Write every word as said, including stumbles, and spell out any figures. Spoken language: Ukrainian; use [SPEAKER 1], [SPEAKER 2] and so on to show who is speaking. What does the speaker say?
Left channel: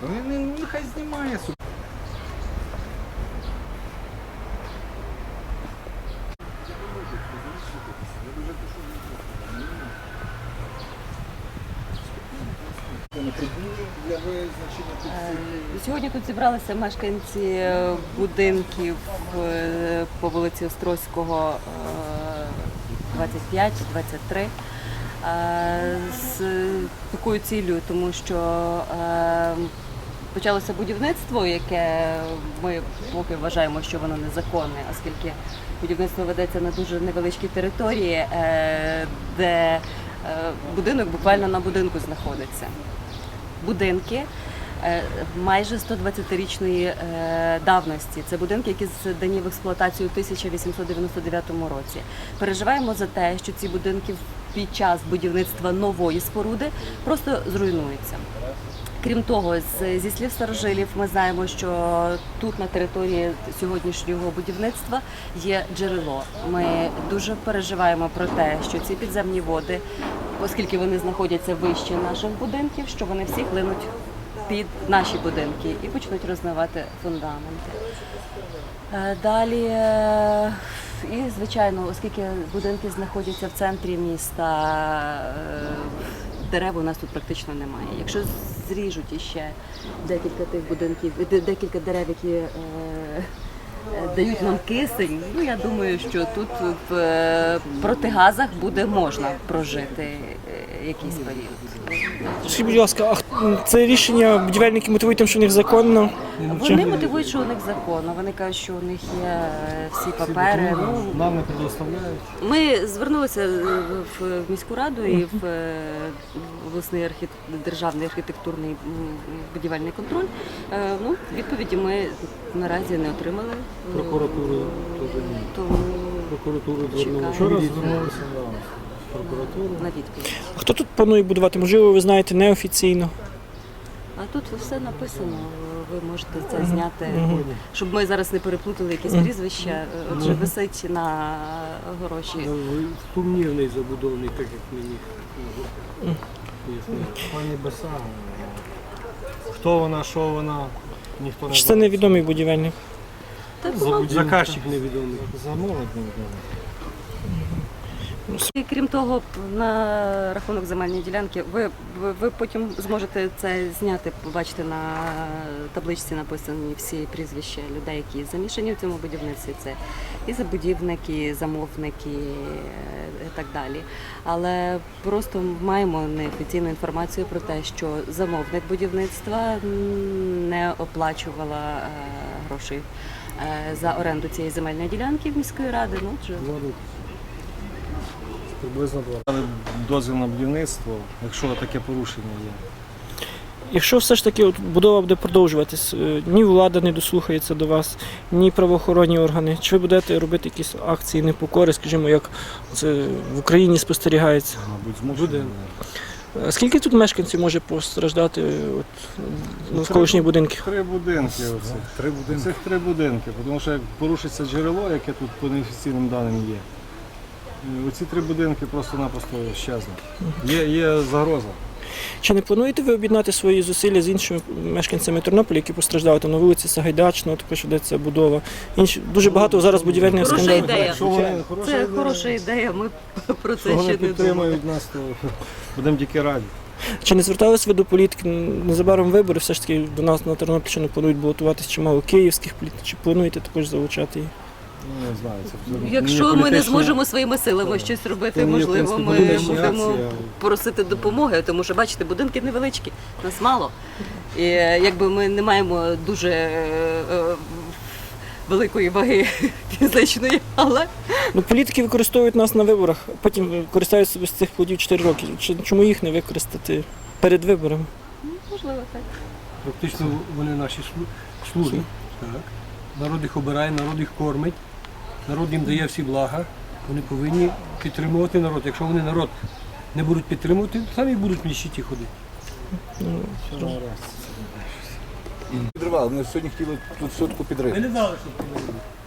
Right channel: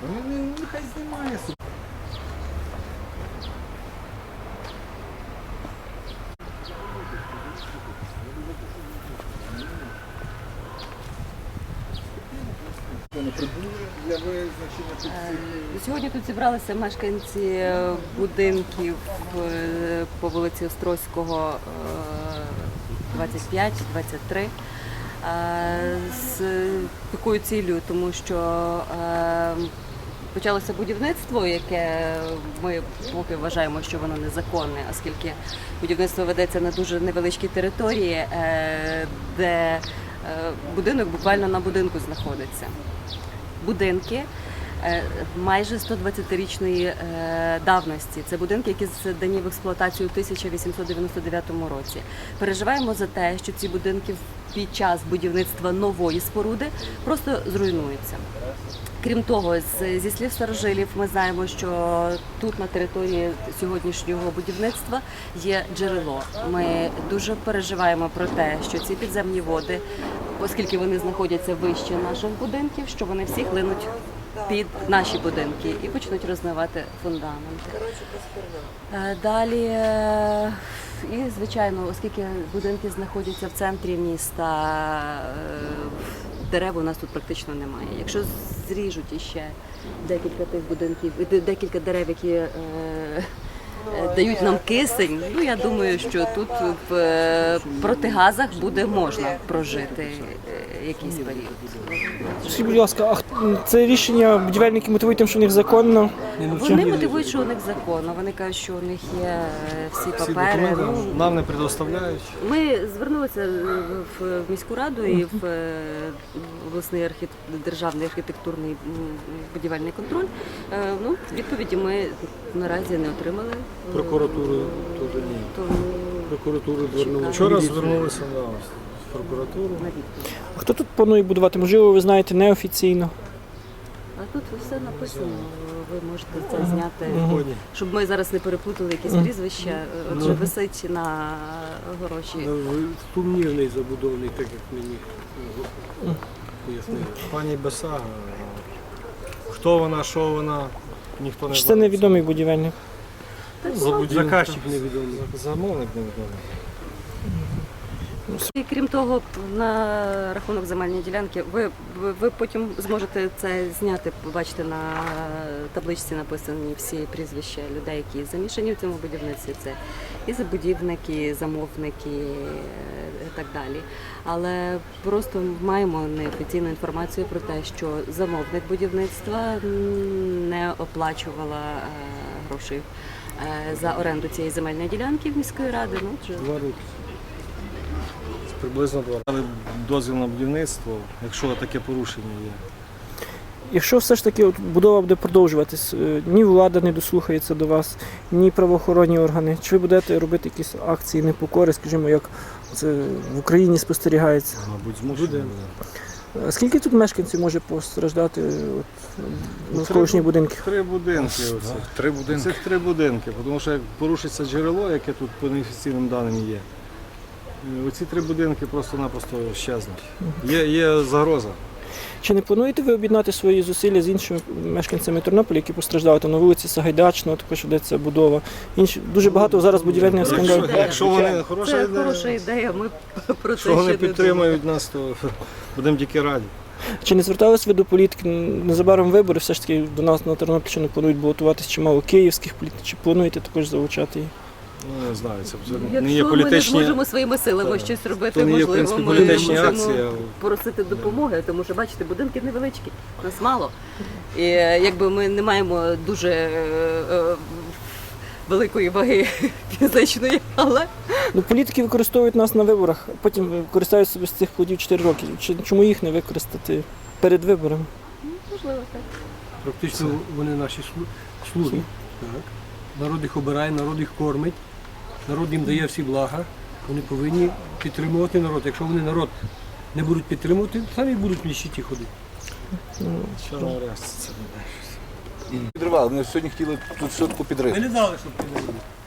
[SPEAKER 1] Вони нехай знімає собі.
[SPEAKER 2] Сьогодні тут зібралися мешканці будинків е, по вулиці Острозького двадцять п'ять двадцять три е, з такою ціллю, тому що е, почалося будівництво, яке ми поки вважаємо, що воно незаконне, оскільки будівництво ведеться на дуже невеличкій території, е, де е, будинок буквально на будинку знаходиться. Будинки майже сто двадцятирічної давності. Це будинки, які здані в експлуатацію у тисяча вісімсот дев'яносто дев'ятому році. Переживаємо за те, що ці будинки під час будівництва нової споруди просто зруйнуються. Крім того, зі слів старожилів ми знаємо, що тут на території сьогоднішнього будівництва є джерело. Ми дуже переживаємо про те, що ці підземні води, оскільки вони знаходяться вище наших будинків, що вони всі хлинуть під наші будинки і почнуть розмивати фундаменти. Далі, і звичайно, оскільки будинки знаходяться в центрі міста, дерев у нас тут практично немає. Якщо зріжуть іще декілька тих будинків, декілька дерев, які дають нам кисень, ну я думаю, що тут в протигазах буде можна прожити якийсь період.
[SPEAKER 3] Скажіть, будь ласка, а це рішення будівельники мотивують тим, що у них законно?
[SPEAKER 2] Вони мотивують, що у них законно. Вони кажуть, що у них є всі папери. Ну,
[SPEAKER 1] нам не предоставляють.
[SPEAKER 2] ми звернулися в міську раду і в обласний архі... державний архітектурний будівельний контроль. Ну, відповіді ми наразі не отримали.
[SPEAKER 1] Прокуратуру теж ні.
[SPEAKER 2] Тому
[SPEAKER 1] Прокуратуру звернулися.
[SPEAKER 2] Вчора
[SPEAKER 1] звернулися да, в прокуратуру.
[SPEAKER 2] на відповідь.
[SPEAKER 3] Хто тут планує будувати? Можливо, ви знаєте, неофіційно?
[SPEAKER 2] А тут все написано, ви можете це зняти,
[SPEAKER 1] Мгм.
[SPEAKER 2] щоб ми зараз не переплутали якісь прізвища. Отже, висить на гроші.
[SPEAKER 4] Сумнівний забудовник, так як мені пояснили.
[SPEAKER 1] Пані Бесага. Хто вона, що вона, ніхто не
[SPEAKER 3] Чи це
[SPEAKER 1] знає.
[SPEAKER 3] невідомий будівельник?
[SPEAKER 2] Так,
[SPEAKER 1] Забудівник.
[SPEAKER 4] Заказчик невідомий.
[SPEAKER 1] Замовник невідомий.
[SPEAKER 2] і крім того, на рахунок земельної ділянки, ви, ви, ви потім зможете це зняти, побачите на табличці написані всі прізвища людей, які замішані в цьому будівництві. Це і забудівники, і замовники, і так далі. Але просто маємо неофіційну інформацію про те, що замовник будівництва не оплачувала е, грошей е, за оренду цієї земельної ділянки в міської ради. Ну, вже
[SPEAKER 1] Два роки. Приблизно два роки. Але дозвіл на будівництво, якщо таке порушення є.
[SPEAKER 3] Якщо все ж таки от, будова буде продовжуватись, е, ні влада не дослухається до вас, ні правоохоронні органи, чи ви будете робити якісь акції непокори, скажімо, як це в Україні спостерігається?
[SPEAKER 1] Мабуть, змушені.
[SPEAKER 3] Буде. А скільки тут мешканців може постраждати от, навколишні будинки?
[SPEAKER 1] Три будинки оцих. Три будинки. Цих три будинки, тому що як порушиться джерело, яке тут по неофіційним даним є, оці три будинки просто-напросто щезнуть. Є, є загроза.
[SPEAKER 3] Чи не плануєте ви об'єднати свої зусилля з іншими мешканцями Тернополя, які постраждали там на вулиці Сагайдачного, також ведеться будова. Інші дуже багато зараз будівельних
[SPEAKER 2] Хороша
[SPEAKER 3] скандалів.
[SPEAKER 2] ідея.
[SPEAKER 1] Якщо вони хороша
[SPEAKER 2] це
[SPEAKER 1] ідея,
[SPEAKER 2] хороша ідея, ми про це
[SPEAKER 1] якщо вони
[SPEAKER 2] ще не думали.
[SPEAKER 1] підтримують нас, то будемо тільки раді.
[SPEAKER 3] Чи не звертались ви до політики? Незабаром вибори, все ж таки до нас на Тернопільщину планують балотуватись чимало київських політиків. Чи плануєте також залучати їх?
[SPEAKER 1] Ну, не знаю, це абсолютно не є
[SPEAKER 2] Якщо ми не
[SPEAKER 1] політичні-
[SPEAKER 2] зможемо своїми силами
[SPEAKER 1] Так.
[SPEAKER 2] щось
[SPEAKER 1] то
[SPEAKER 2] робити,
[SPEAKER 1] не є, в
[SPEAKER 2] можливо,
[SPEAKER 1] принципі,
[SPEAKER 2] ми
[SPEAKER 1] політичні
[SPEAKER 2] будемо
[SPEAKER 1] акції, але-
[SPEAKER 2] просити допомоги, тому що, бачите, будинки невеличкі, нас мало. І якби ми не маємо дуже е, е, великої ваги фізичної, але
[SPEAKER 3] Ну, політики використовують нас на виборах, а потім користуються собі з цих плодів чотири роки. Чи- Чому їх не використати перед виборами?
[SPEAKER 2] можливо так.
[SPEAKER 4] Практично вони наші слу- слуги. Так. Народ їх обирає, народ їх кормить, народ їм дає всі блага. Вони повинні підтримувати народ. Якщо вони народ не будуть підтримувати, то самі будуть в нищеті ходити.
[SPEAKER 1] Що на реакція?
[SPEAKER 5] Підривали, вони сьогодні хотіли тут все таку
[SPEAKER 4] Ми
[SPEAKER 5] підрити.
[SPEAKER 4] не дали, щоб підтримали.